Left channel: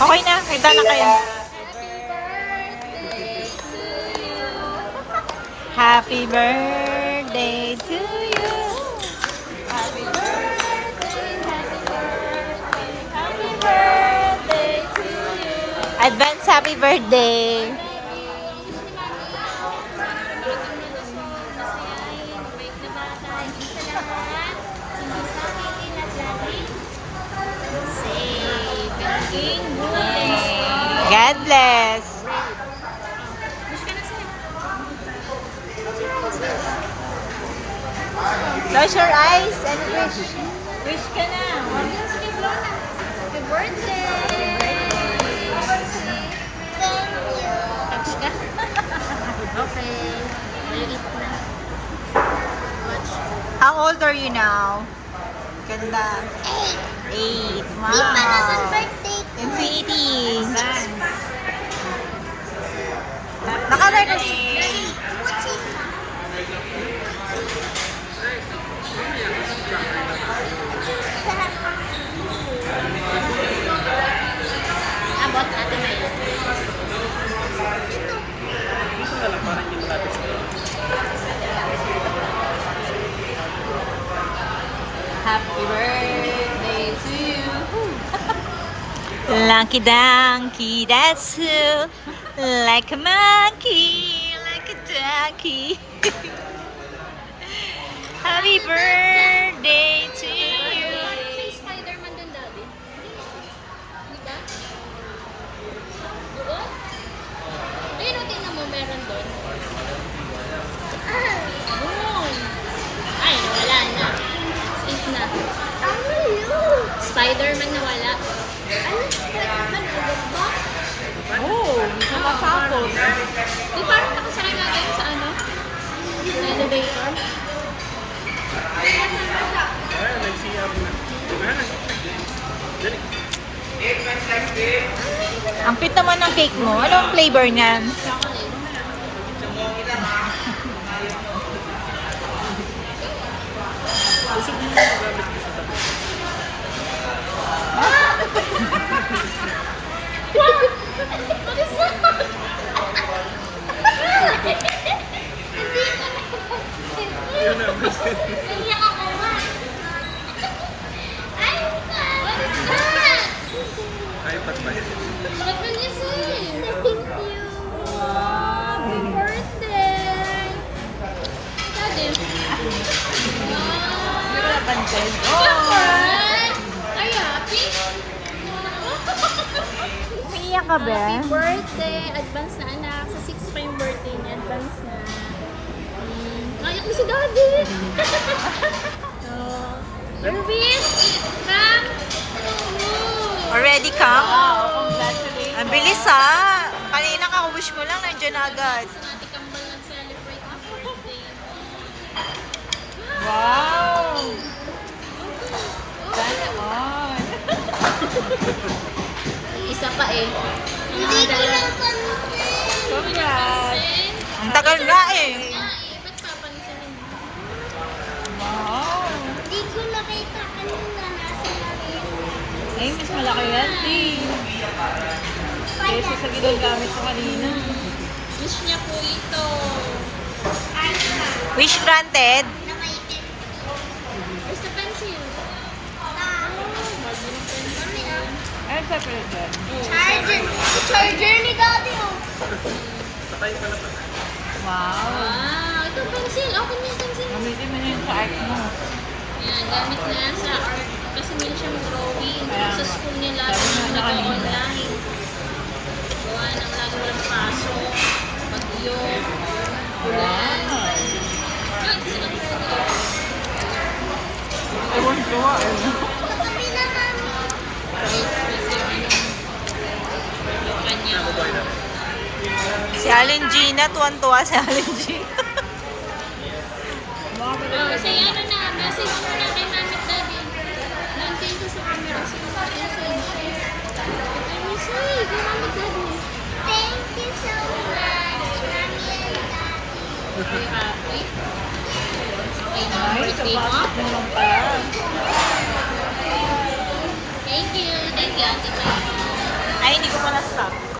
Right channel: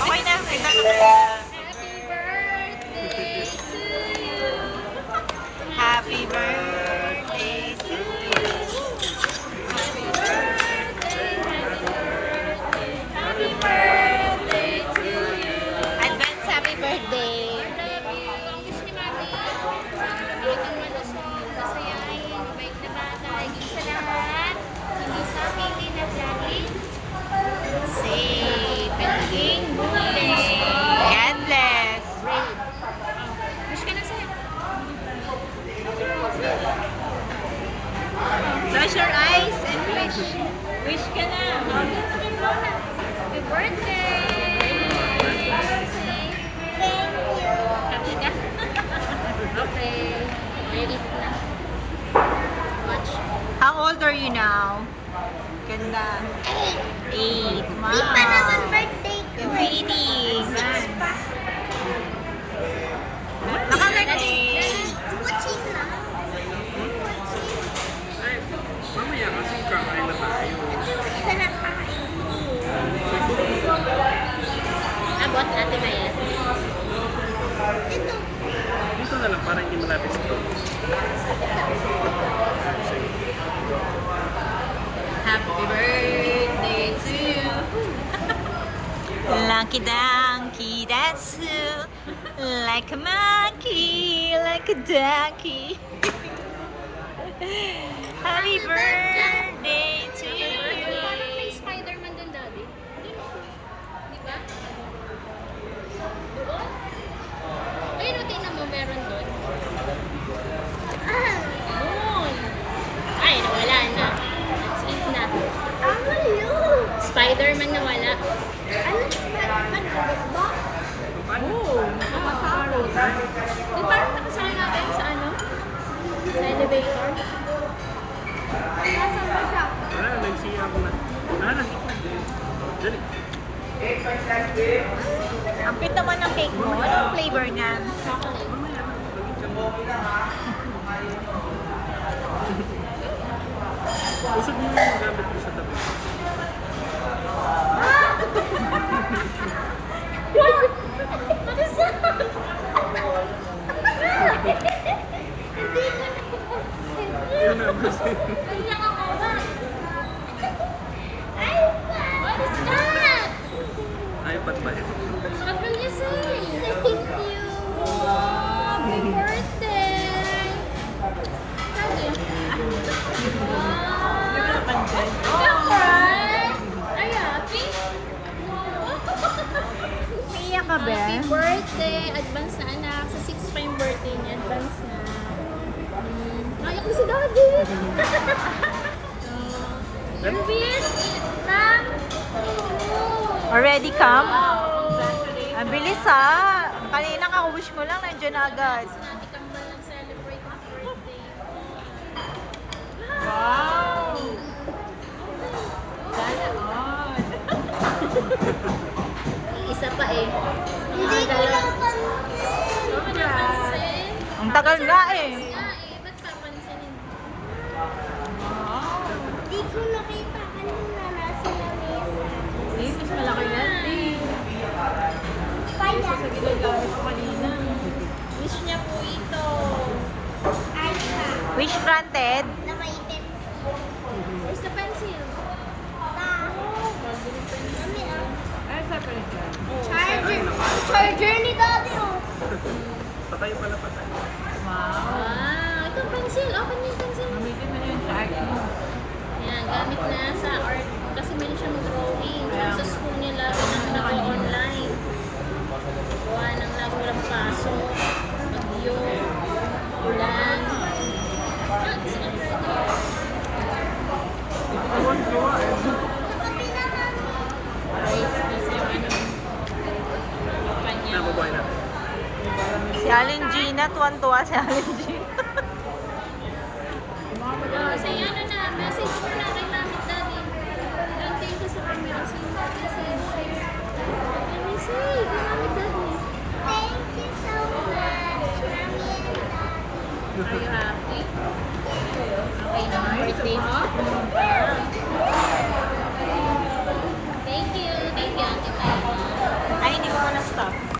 Okay na, hagdan na kayo. Happy birthday to you. Happy birthday to you. Advance happy birthday. God bless. Close your eyes and wish. Wish ka na. Happy birthday! Thank you! Touch ka? Okay. Eat na. How old are you now? Ganda. 8. Wow. Di pa naman birthday ko. Infinity. Naka-record. Watching na. Abot natin na yan. Ito. Gusto na lang, parang hindi malapit sa ito. Happy birthday to you. Lucky donkey, that's who. Like a monkey, like a donkey. Happy birthday to you. Parang may Spider-Man din, Daddy. Di ba? Doon? Ayun, o, tingnan mo, meron doon. Doon. Ay, nawala na. It's 8 na. Spider-Man nawala. Ano? Ba? Oh, nakasako. Di parang nakasakay nga kayo sa ano? Sa elevator. Ah, nag-CR na. Ah, dali. Ang cute naman ng cake mo. Anong flavor niyan? Usap niyo yung gamit ko sa tabi. Hindi ko na. Yun na. Iyak ako ba? Ay, what is that? iPad ba yun? What will you say? Thank you. Happy birthday. Daddy. Are you happy? Iiyak ka ba? Happy birthday. Advance na anak. Sa 6 pa yung birthday niya. Advance na. Nayak na si Daddy. Your wish. Come. Already come? Ang bilis ha. Kanina ka-wish mo lang, nandiyan na agad. Natin kambal nag-celebrate ng birthday. Isa pa eh. Hindi ko napansin. Ang tagal nga eh. Ba't papansinin? Hindi ko nakita kanina nasa langit. Eh, mas malaki yan. Kaya. ginagamit sa kanina. Wish niya po ito. Ay, Wish granted. na may pencil. Where's the pencil? Mami ah. Charger. Charger ni Daddy oh. Patay pala patay. Ah, ito pencil. Open mo yung pencil. Pwede mo na yung sa art mo. Yan, gamit na sa art. Kasi hindi siya mag-drawing. Sa school nila, nag-online. Gawa ng lalo ng paso. Bagyo. Ulan. Ah, sarap po ito. Sa kapi na, Mami. Wait, kasi ano. Kanya. Nababuhay natin. Si Alin Gina, tuwan-tuwa si Alin Gina. Say ano na, message mo na kay Mami at Daddy. Nag-send ko sa camera. Sino ba message? I will say, kay Mami at Daddy. Thank you so much, Mami and Daddy. Are you happy? Okay na ang birthday mo? Thank you, Auntie Mami.